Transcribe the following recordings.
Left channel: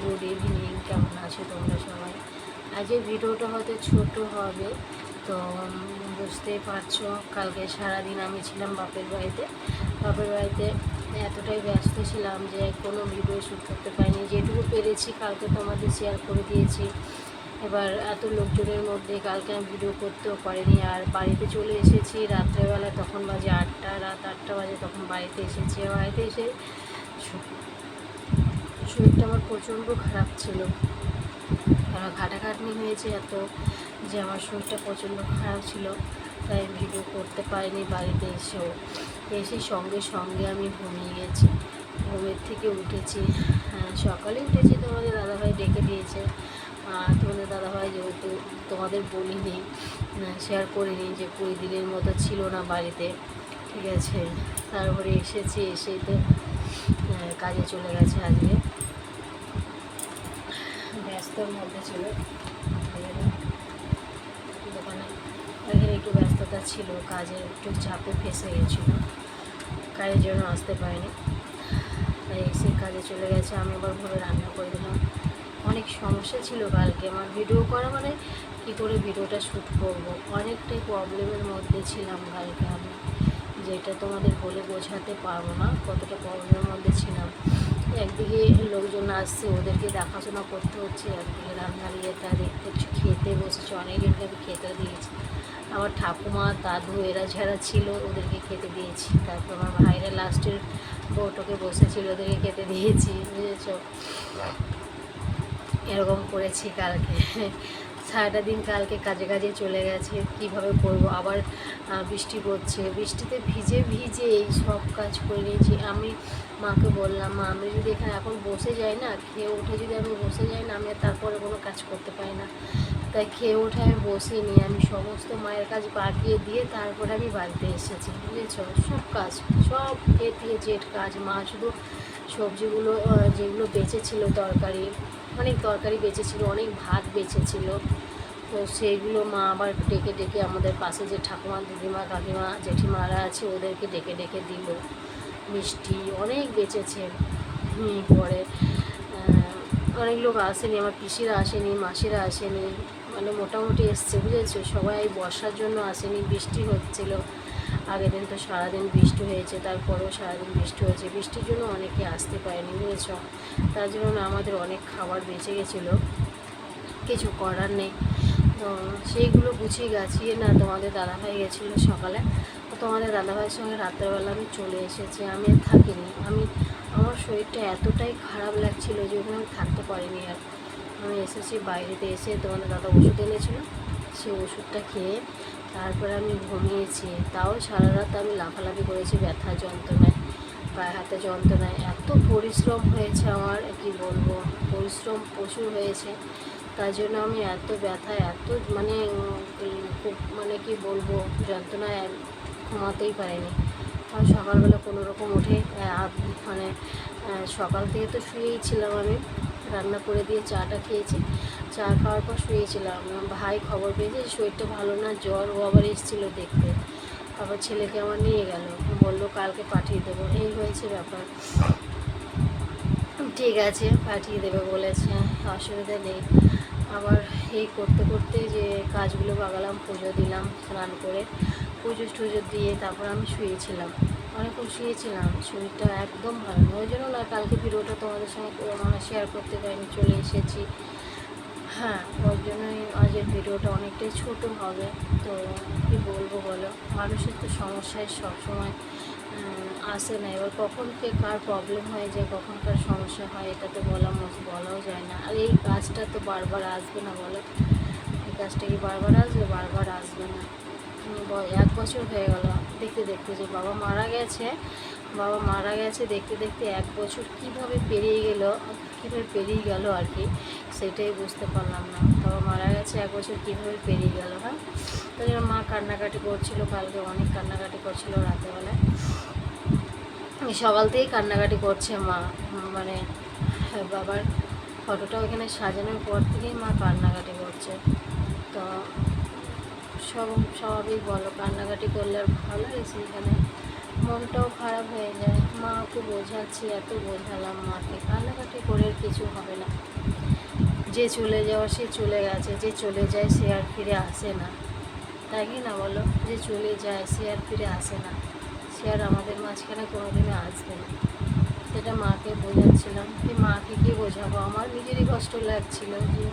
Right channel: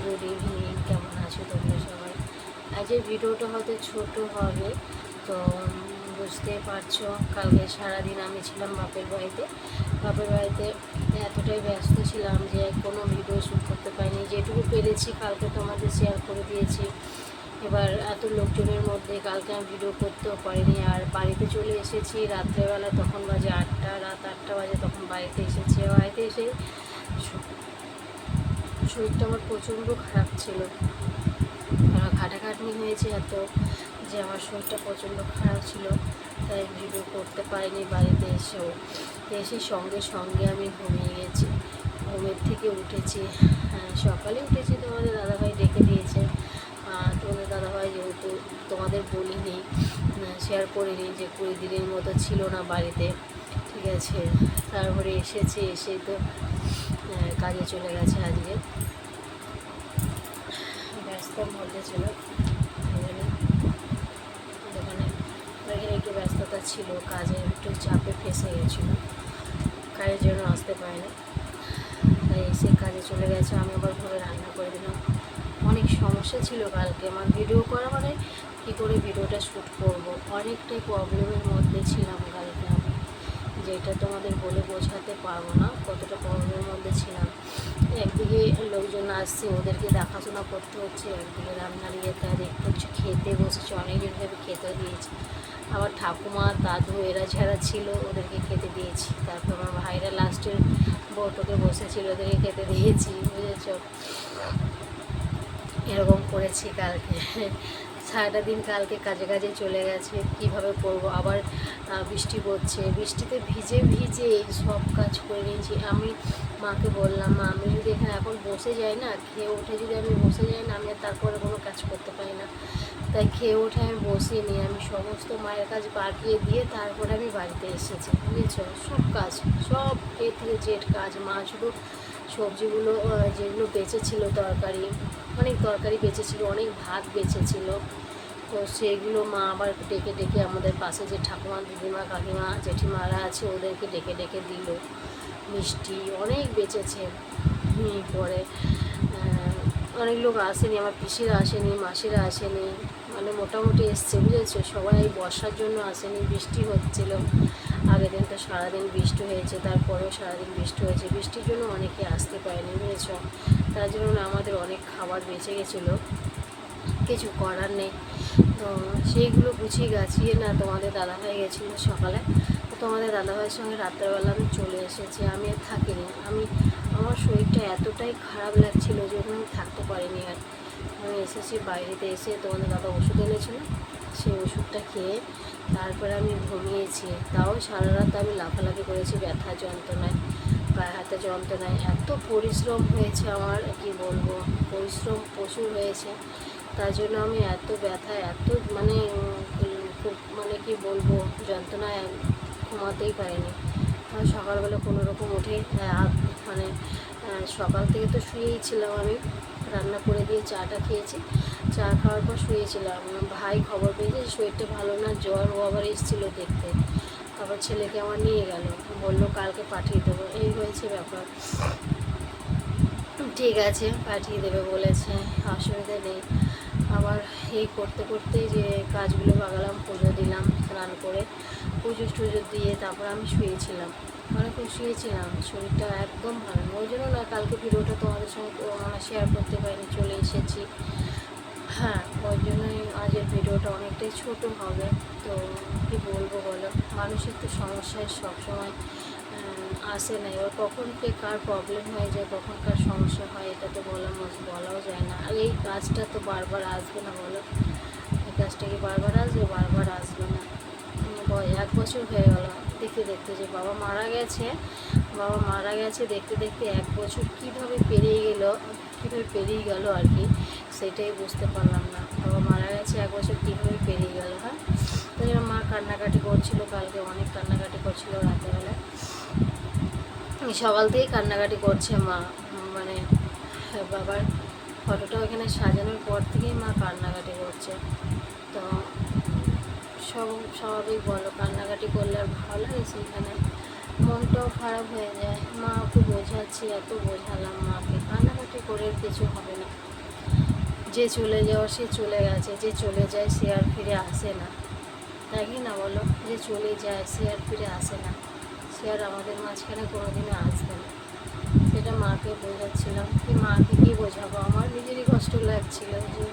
Good evening, কেমন আছো তোমরা সবাই? আজকের ভিডিওটা হয়তো ছোট হবে, তো বুঝতেই পারছো কালকে সারাদিন আমি ছিলাম বাপের বাড়িতে এতটাই ব্যস্ত ছিলাম যে কোনো ভিডিও শ্যুট করতে পারিনি। যেটুকু পেরেছি কালকে তোমাদের শেয়ার করে দিয়েছি। এবার এত লোকজনের মধ্যে কালকে আমি ভিডিও করতেও পারিনি। আর বাড়িতে চলে এসেছি রাত্রেবেলায়, তখন বাজে 8টা, রাত 8টা বাজে তখন বাড়িতে এসেছি। বাড়িতে এসে শরীরটা আমার প্রচণ্ড খারাপ ছিল, কারণ খাটাখাটনি হয়েছে এত যে আমার শরীরটা প্রচণ্ড খারাপ ছিল, তাই ভিডিও করতে পারিনি। বাড়িতে এসে সঙ্গে সঙ্গে আমি ঘুমিয়ে গেছি। ঘুমের থেকে উঠেছি, সকালে উঠেছি, তোমাদের দাদাভাই ডেকে দিয়েছে। তোমাদের দাদাভাই যেহেতু তোমাদের বলিনি, শেয়ার করিনি যে 20 দিনের মতো ছিল না বাড়িতে, ঠিক আছে। তারপরে এসেই তো কাজে চলে গেছে। আজকে ব্যস্তর মধ্যে ছিল দোকানে, ওইখানে একটু ব্যস্ততা ছিল, কাজে একটু চাপে ফেঁসে গেছিলো, কাজের জন্য আসতে পারিনি। তাই এসে কাজে চলে গেছে। আমি আবার ভোরে রান্না করে দিলাম। অনেক সমস্যা ছিল কালকে আমার ভিডিও করা, মানে কী করে ভিডিওটা শ্যুট করব, অনেকটাই প্রবলেমের মধ্যে ছিলাম কালকে আমি, যেটা তোমাদের বলে বোঝাতে পারবো না কতটা প্রবলেমের মধ্যে ছিলাম। একদিকে লোকজন আসছে, ওদেরকে দেখাশোনা করতে হচ্ছে, একদিকে রান্নার ইয়েটা দেখতে হচ্ছে, খেতে বসেছে, অনেকজনকে আমি খেতে দিয়েছি। আমার ঠাকুমা দাদু এরা যারা ছিল ওদেরকে খেতে দিয়েছি। তারপর আমার ভাইরা লাস্টের বউটোকে বসেছিল, ওদেরকে খেতে দিয়েছি, বুঝেছ। এরকম করেছি কালকে। সারাটা দিন কালকে কাজে চলে গেছে। কিভাবে করব, আবার বৃষ্টি পড়ছে, বৃষ্টিতে ভিজে এই সব কাজ করে নিয়েছি। আমি মাকে বললাম, মা আমি যদি এখানে এখন বসে যাই না, খেয়ে উঠে যদি আমি বসে যাই না, আমি আর তারপরে কোনো কাজ করতে পারি না। তাই খেয়ে উঠে আমি বসিনি, আমি সমস্ত মায়ের কাজ বাগিয়ে দিয়ে তারপরে আমি বাড়িতে এসেছি, বুঝেছ। সব কাজ, সব এ থেকে জেড কাজ। মা শুধু সবজিগুলো যেগুলো বেঁচেছিল, অনেক তরকারি বেঁচেছিল, অনেক ভাত বেঁচেছিল, তো সেইগুলো মা আবার ডেকে আমাদের পাশে যে ঠাকুমা, দিদিমা, কাকিমা, জেঠিমারা আছে ওদেরকে ডেকে দিল। মিষ্টি অনেক বেঁচেছে। পরে অনেক লোক আসেনি, আমার পিসিরা আসেনি, মাসিরা আসেনি, মানে মোটামুটি এসছে, বুঝেছো। সবাই বর্ষার জন্য আসেনি, বৃষ্টি হচ্ছিল। আগের দিন তো সারাদিন বৃষ্টি হয়েছে, তারপরেও সারাদিন বৃষ্টি হয়েছে, বৃষ্টির জন্য অনেকে আসতে পারেনি, বুঝেছ। তার জন্য আমাদের অনেক খাবার বেঁচে গেছিলো, কিছু করার নেই। তো সেইগুলো গুছিয়ে গাছিয়ে না তোমাদের দাদাভাই গেছিলো সকালে, তো তোমাদের দাদাভাইয়ের সঙ্গে রাত্রেবেলা আমি চলে এসেছি। আমি আর থাকিনি, আমার শরীরটা এতটাই খারাপ লাগছিল যে ওখানে আমি থাকতে পারিনি। আর আমি এসেছি, বাইরেতে এসে তোমাদের দাদা ওষুধ এনেছিল, সেই ওষুধটা খেয়ে তারপরে আমি ঘুমিয়েছি। তাও সারা রাত আমি লাফালাফি করেছি ব্যথা যন্ত্রণায়, গায়ে হাতে যন্ত্রণায়। এত পরিশ্রম হয়েছে আমার, কি বলবো, পরিশ্রম প্রচুর হয়েছে। তার জন্য আমি এত ব্যথা, এত খুব কি বলবো, যন্ত্রণায় ঘুমাতেই পারিনি। আর সকালবেলা কোনো রকম উঠে সকাল থেকে তো শুয়েই ছিলাম। আমি রান্না করে দিয়ে চাটা খেয়েছি, চা খাওয়ার পর শুয়েছিলাম। ভাই খবর পেয়েছে শরীরটা ভালো না, জ্বর, ও আবার এসেছিলো দেখতে, আবার ছেলেকে আমার নিয়ে গেল, বললো কালকে পাঠিয়ে দেবো। এই হয়েছে ব্যাপার। ঠিক আছে, পাঠিয়ে দেবে বলেছে, অসুবিধা নেই। আবার এই করতে যে কাজগুলো বাগালাম, পুজো দিলাম, স্নান করে পুজো টুজো দিয়ে তারপর আমি শুয়েছিলাম, অনেকক্ষণ শুয়েছিলাম। শরীরটা একদম ভালো না, ওই জন্য না কালকে ভিডিওটা তোমাদের সঙ্গে শেয়ার করতে পারিনি, চলে এসেছি। হ্যাঁ, ওই জন্যই আজকের ভিডিওটা অনেকটাই ছোট হবে। তো কী বলবো বলো, মানুষের তো সমস্যায় সবসময় আসে না। এবার কখন কার প্রবলেম হয়ে যায়, কখন কার সমস্যা হয়, এটা তো বলাও যায় না। আর এই কাজটা তো বারবার আসবে না বলো, এই কাজটা কি বারবার আসবে? বারবার আসবে না। 1 বছর হয়ে গেল দেখতে যে বাবা মারা গেছে, দেখতে 1 বছর কীভাবে পেরিয়ে গেল আর কি, সেটাই বুঝতে পারলাম না। বাবা মারা গেছে, 1 বছর কীভাবে পেরিয়ে গেল। হ্যাঁ, তাই জন্য মা কান্নাকাটি করছিল কালকে, অনেক কান্নাকাটি করছিল রাতেবেলায়, সকাল থেকেই কান্নাকাটি করছে মা। বাবার ফটোটা ওখানে সাজানোর পর থেকেই মা কান্নাকাটি করছে। তো স্বাভাবিক বলো, কান্নাকাটি করলে আর ভালো লাগে? সেইখানে মনটাও খারাপ হয়ে যায়। মাকে বোঝাচ্ছি, এত বোঝালাম মাকে, কান্নাকাটি করে কিছু হবে না। যে চলে যাওয়া সে চলে গেছে, যে চলে যায় সে আর ফিরে আসে না, তাই কি না বলো? যে চলে যায় সে আর ফিরে আসে না, সে আর আমাদের মাঝখানে কোনোদিনও আসবে না। সেটা মাকে বোঝাচ্ছিলাম, যে মাকে কি বোঝাবো, আমার নিজেরই কষ্ট লাগছিল। যে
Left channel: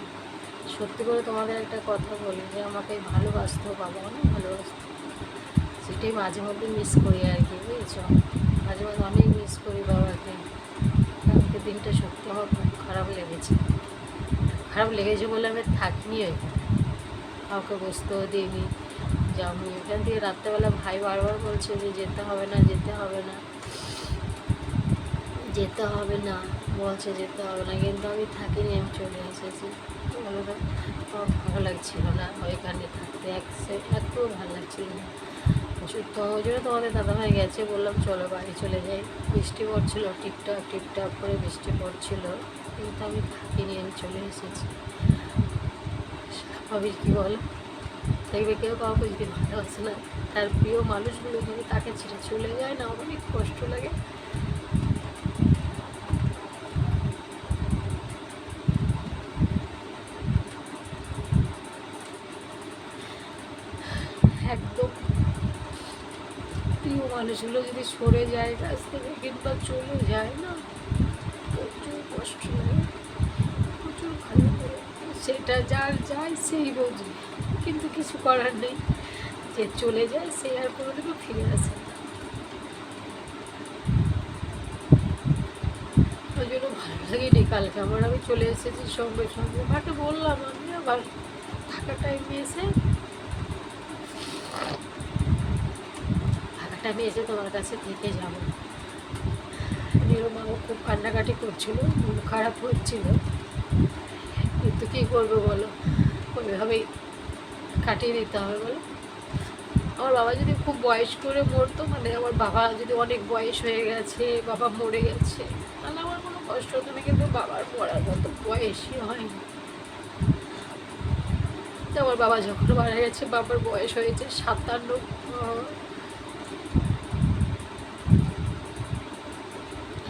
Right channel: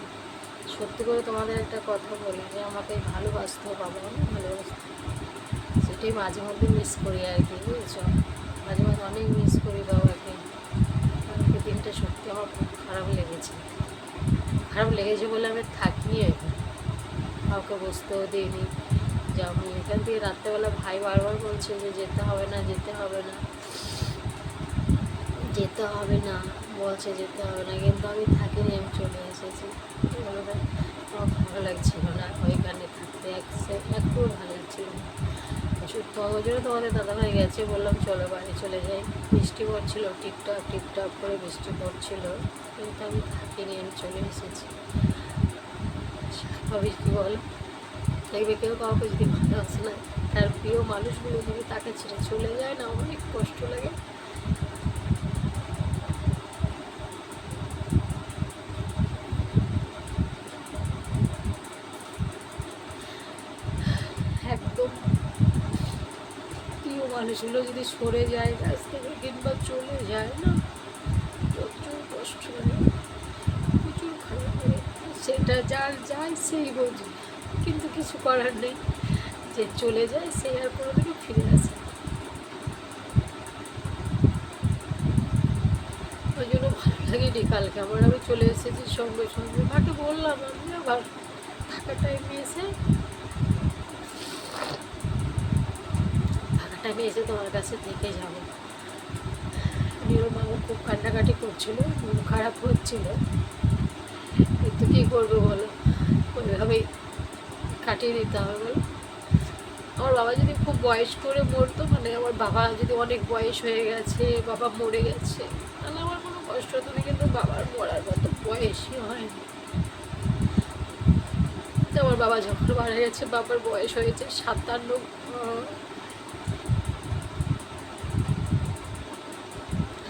সত্যি করে তোমাদের একটা কথা বলি, যে আমাকে ভালোবাসতো, বাবা অনেক ভালোবাসতো, সেটাই মাঝে মধ্যে মিস করি আর কি, বুঝেছো? মাঝে মাঝে অনেক মিস করি বাবাকে। কালকে দিনটা সত্যি আমার খুব খারাপ লেগেছে। খারাপ লেগেছে বলে আমি থাকিনি এখানে, কাউকে বসতেও দিইনি। যে আমি এখান থেকে রাত্রেবেলা ভাই বারবার বলছে যে যেতে হবে না, যেতে হবে না, যেতে হবে না, বলছে যেতে হবে না, কিন্তু আমি থাকিনি, আমি চলে এসেছি। বলো তো, আমার ভালো লাগছিল না ওইখানে থাকতে, একটুও ভালো লাগছিল না। ওই জন্য তোমাদের দাদাভাই গেছে, বললাম চলো বাড়ি চলে যাই। বৃষ্টি পড়ছিল, টিপটাপ টিপটাপ করে বৃষ্টি পড়ছিল, কিন্তু আমি থাকিনি, আমি চলে এসেছি। ভাবিস কি বলো, দেখবে কেউ কাউকে যদি ভালোবাসে না, তার প্রিয় মানুষগুলো যদি তাকে ছেড়ে চলে যায় না, অনেক কষ্ট লাগে। একদম প্রিয় মানুষগুলো যদি সরে যায় কাছ থেকে কিংবা চলে যায় না, প্রচুর কষ্ট লাগে, প্রচুর খারাপ লাগে। সেটা যার যায় সেই বোঝে, কিন্তু কিছু করার নেই। যে চলে যায় সে আর কোনোদিনও ফিরে আসে না। ওই জন্য ভালো লাগেনি কালকে আমার, আমি চলে এসেছি সঙ্গে সঙ্গে। মাকে বললাম আমি আবার থাকা টাইমে এসে, ফাঁকা টাইমে এসে তোমার কাছে থেকে যাব। মাও খুব কান্নাকাটি করছিল, মন খারাপ হচ্ছিল, কিন্তু কী করবো বলো, ওইভাবেই কাটিয়ে দিতে হবে বলো। আমার বাবা যদি খুব বয়স করে মরতো, মানে আমার বাবা যদি অনেক বয়স হয়ে গেছে, বাবা মরে গেছে, তাহলে আমার কোনো কষ্ট হতো না, কিন্তু বাবার মরার মতো বয়সই হয়নি। আমার বাবা যখন মারা গেছে, বাবার বয়স হয়েছে 57,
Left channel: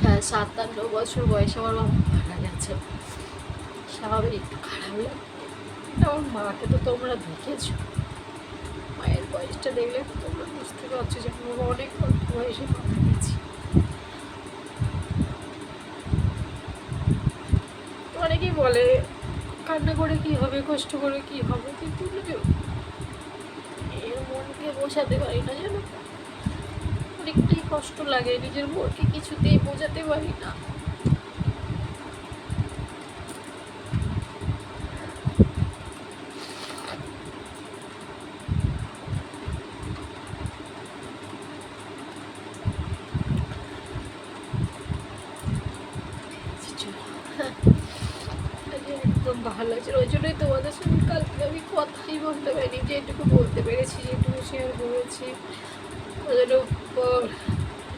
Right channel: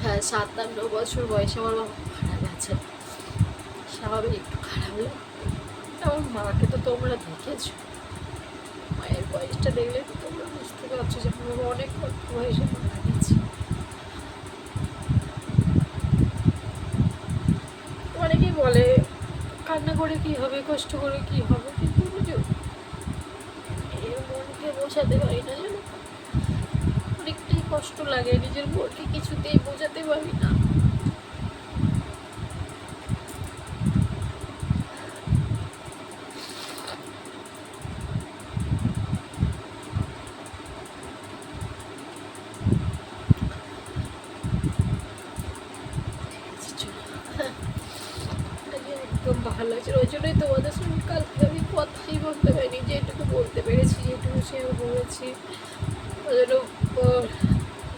হ্যাঁ 57 বছর বয়সে আমার বাবা মারা গেছে। স্বাভাবিক একটু খারাপ লাগে। আমার মাকে তো তোমরা দেখেছো, মায়ের বয়সটা দেখলে তো তোমরা বুঝতে পারছো যে আমার বাবা অনেক অল্প বয়সে মারা গেছে। অনেকেই বলে কান্না করে কি হবে, কষ্ট করে কি হবে, কিন্তু এর মনকে বোঝাতে পারি না, যেন অনেকটাই কষ্ট লাগে, নিজের মনকে কিছুতেই বোঝাতে পারি না। একদম ভালো লাগছে, ওই জন্যই তোমাদের সঙ্গে কালকে আমি কথাই বলতে পারিনি, যেটুকু বলতে পেরেছি, যেটুকু শেয়ার করেছি। ওই জন্য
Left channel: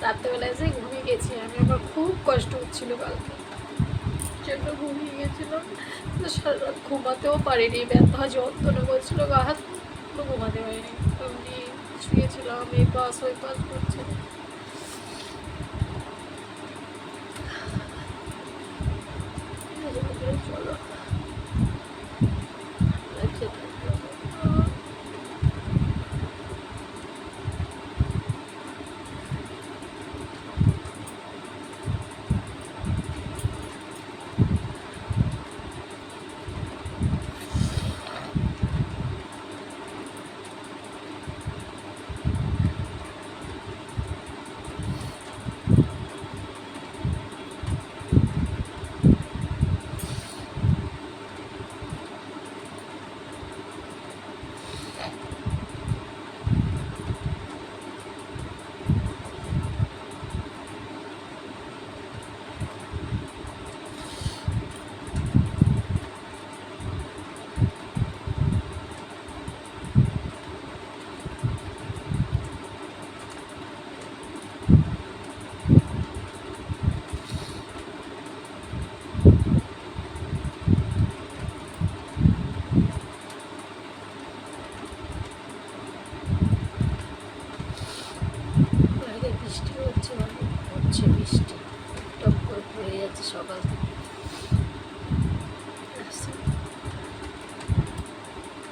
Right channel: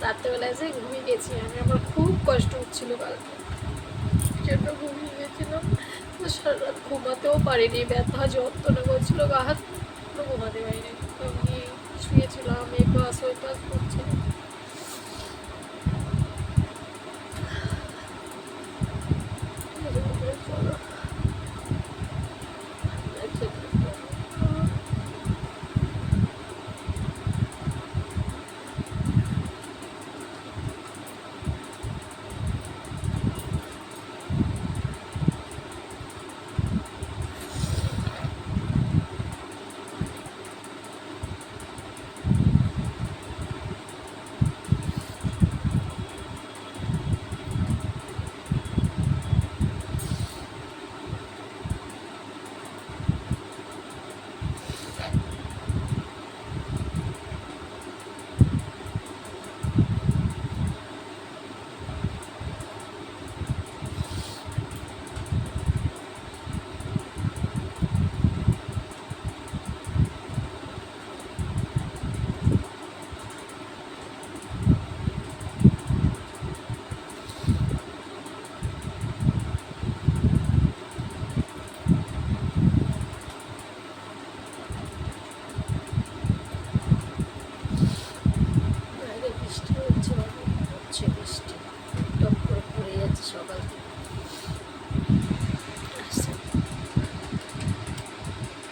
রাত্রেবেলা এসে ঘুমিয়ে গেছি আমি, আমার খুব কষ্ট হচ্ছিলো কালকে, জন্য ঘুমিয়ে গেছিলাম। সারা রাত ঘুমাতেও পারিনি, ব্যথা যন্ত্রণা করছিলো গা হাত, ঘুমাতে পারিনি। আমি শুয়েছিলাম, এই পাশ ওই পাশ করছিলাম। চলো